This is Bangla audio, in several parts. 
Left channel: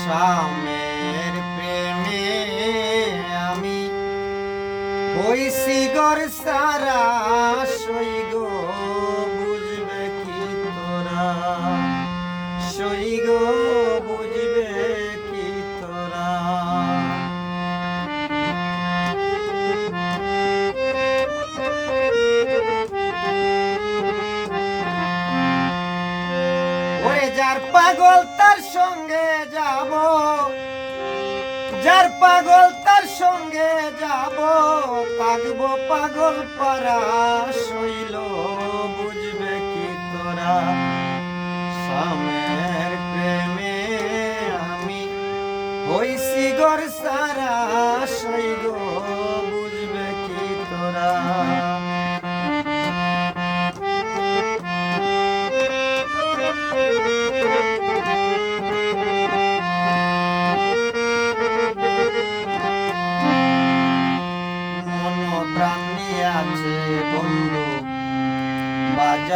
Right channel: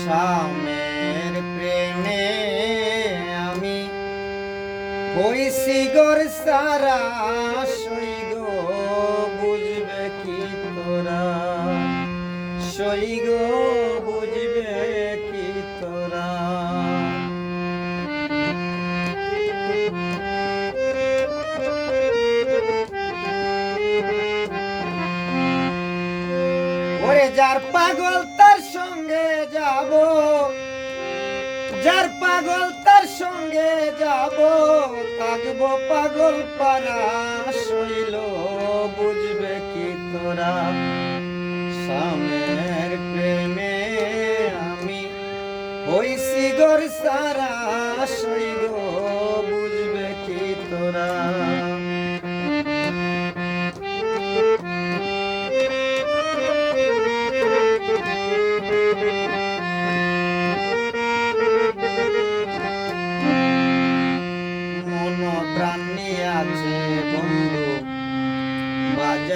স্বামীর প্রেমে আমি হইছি সারা সইগ বুঝবে কি তোরা? সইগ যার পাগল তার সঙ্গে যাব, যার পাগল তার সঙ্গে যাব থাকব পাগল পারা শৈল বুঝবে কি তোরা? স্বামের প্রেমে আমি হইছি গর সারা শৈল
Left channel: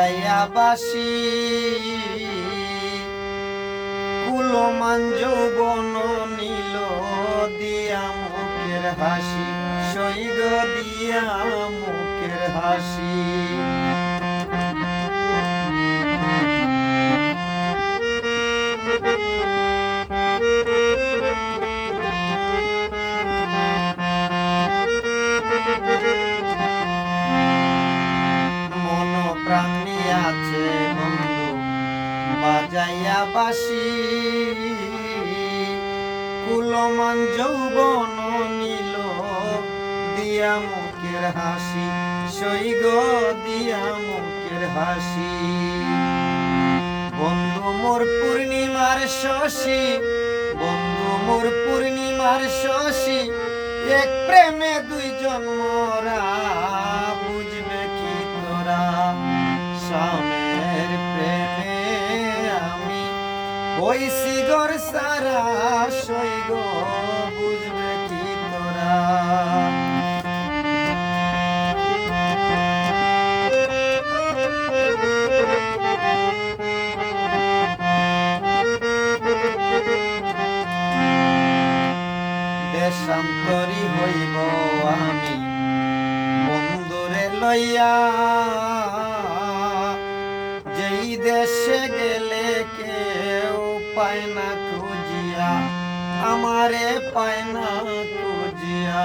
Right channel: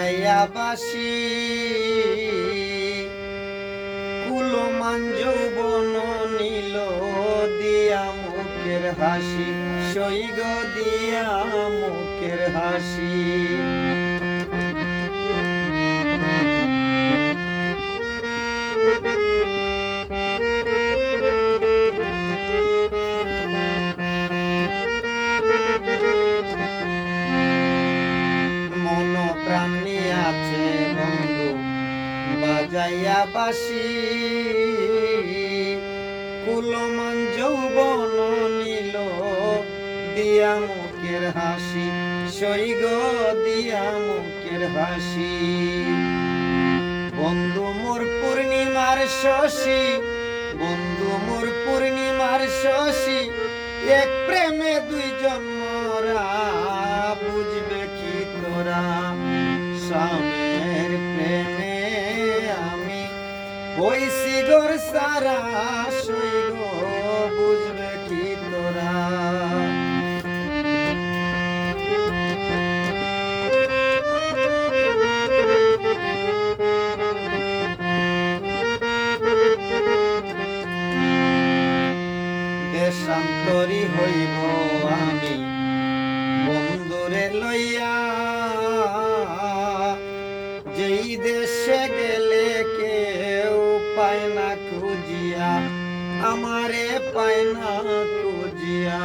বাজাইয়া বাসি কুলমান যৌবন দিয়া মুখের হাসি দিয়া মুখের হাসি। বন্ধু মোর পূর্ণিমার শশী, বন্ধু মোর পূর্ণিমার শশী, এক প্রেমে দুইজন মোরা বুঝবে কি তোরা? প্রেমে আমি হইছি গর সারা, সৈগ দেশান্তরী হইব আমি। বন্ধুরে লইয়া, যেই দেশে গেলে কেউ পায় না খুঁজিয়া, আমারে পায় না খুঁজিয়া।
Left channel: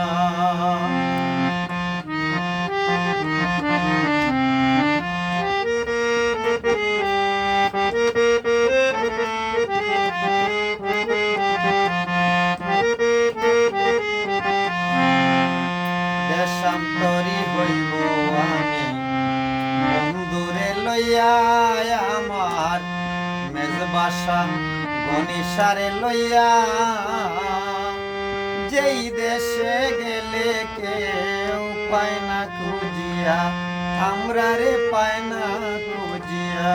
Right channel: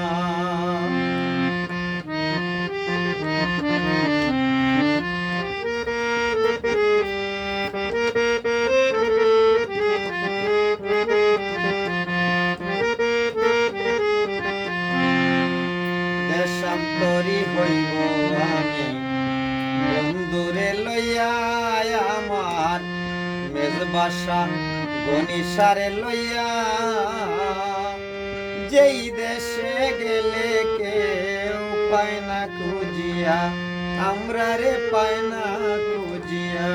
গণিসারে লইয়া, যেই দেশে গেলে কেউ পায় না খুঁজিয়া, আমরা রে পায় না খুঁজিয়া।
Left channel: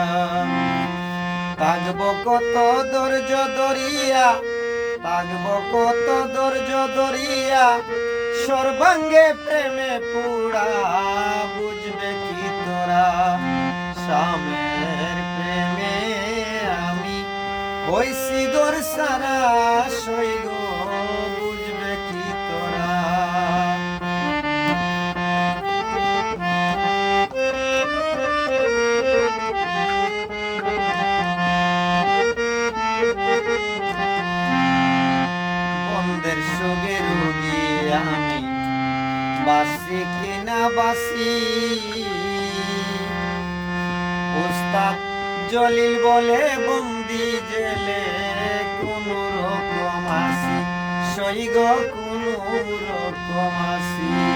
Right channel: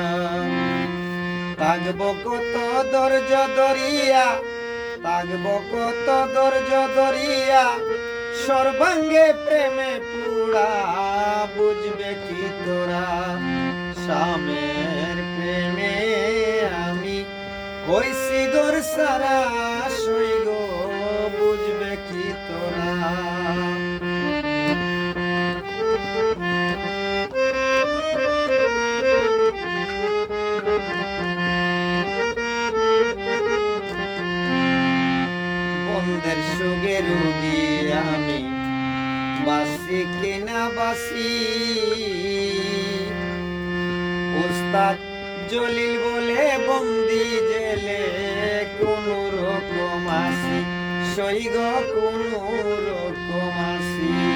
থাকব কত ধৈর্য ধরিয়া থাকব কত ধৈর্য ধরিয়া, সর্বাঙ্গে প্রেমে পুরা, বুঝবে কি তোরা? স্বামীর হইছি গোর সারা সইগ জলিল বলে বন্দি জেলে কোন রকম আসি। সৈগ কোন রকম আসি।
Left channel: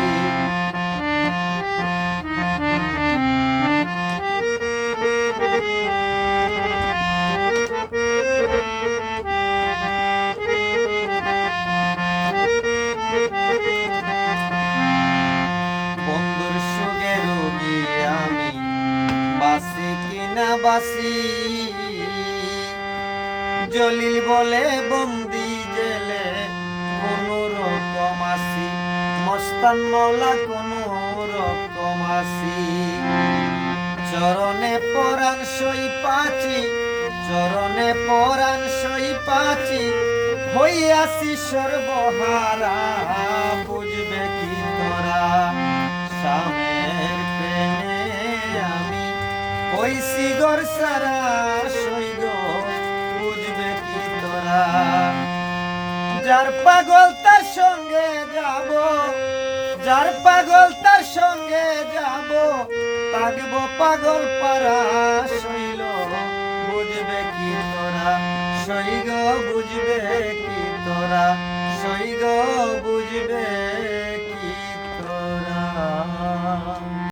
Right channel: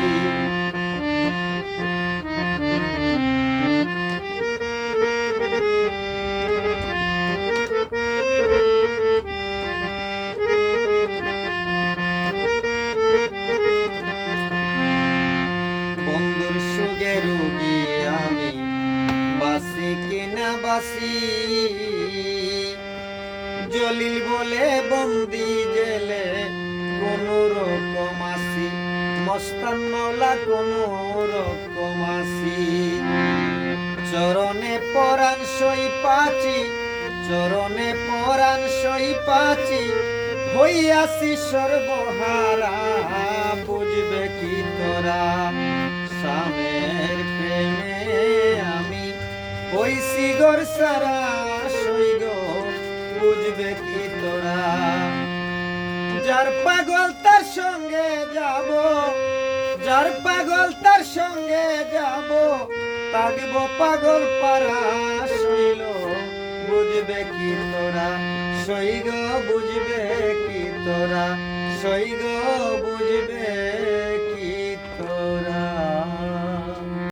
জলি বলে, বন্দি গেলে কোনো রকম আসি মস্তান মলা কোনো রকম আসি চরণে পরাণ সই পাচি, চরণে পরাণ সই পাচি, হইয়াছি সর্বহারা, বুঝবে কি তোরা? সামের প্রেমে আমি হইছি গর সারা যার পাগল তার সঙ্গে যাব, যার পাগল তার সঙ্গে যাব থাকব পাগল পারা শৈল বুঝবে কি তোরা? সৈগ বুঝবে কি তোরা? সৈগ বুঝবে